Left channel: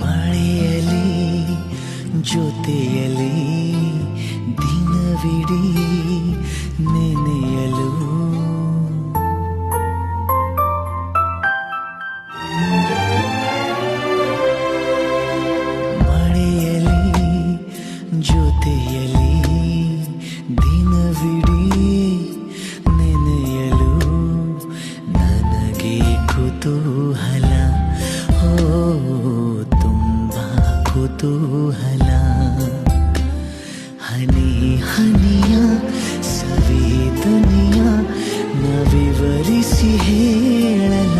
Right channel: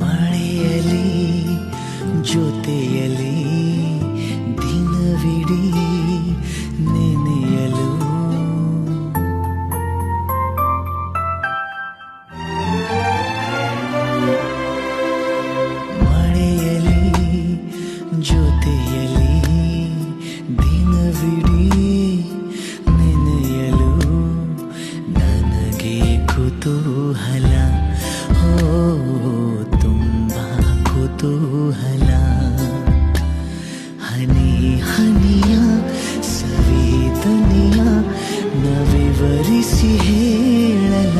ಮಳೆಯಲಿ ಜೊತೆಯಲಿ ದಿನವಿಡೀ ನೆನೆಯಲು ಮಳೆಯಲಿ ಜೊತೆಯಲಿ ದಿನವಿಡೀ ನೆನೆಯಲು ನನಗೆ ಕುತೂಹಲ ಹೋ ತುಂಬಾ ಕುತೂಹಲ ಹನಿ ಹನಿಯ ಸವಿದನಿಯ ನ ವಿವರಿಸಿ ಹೇಳಲ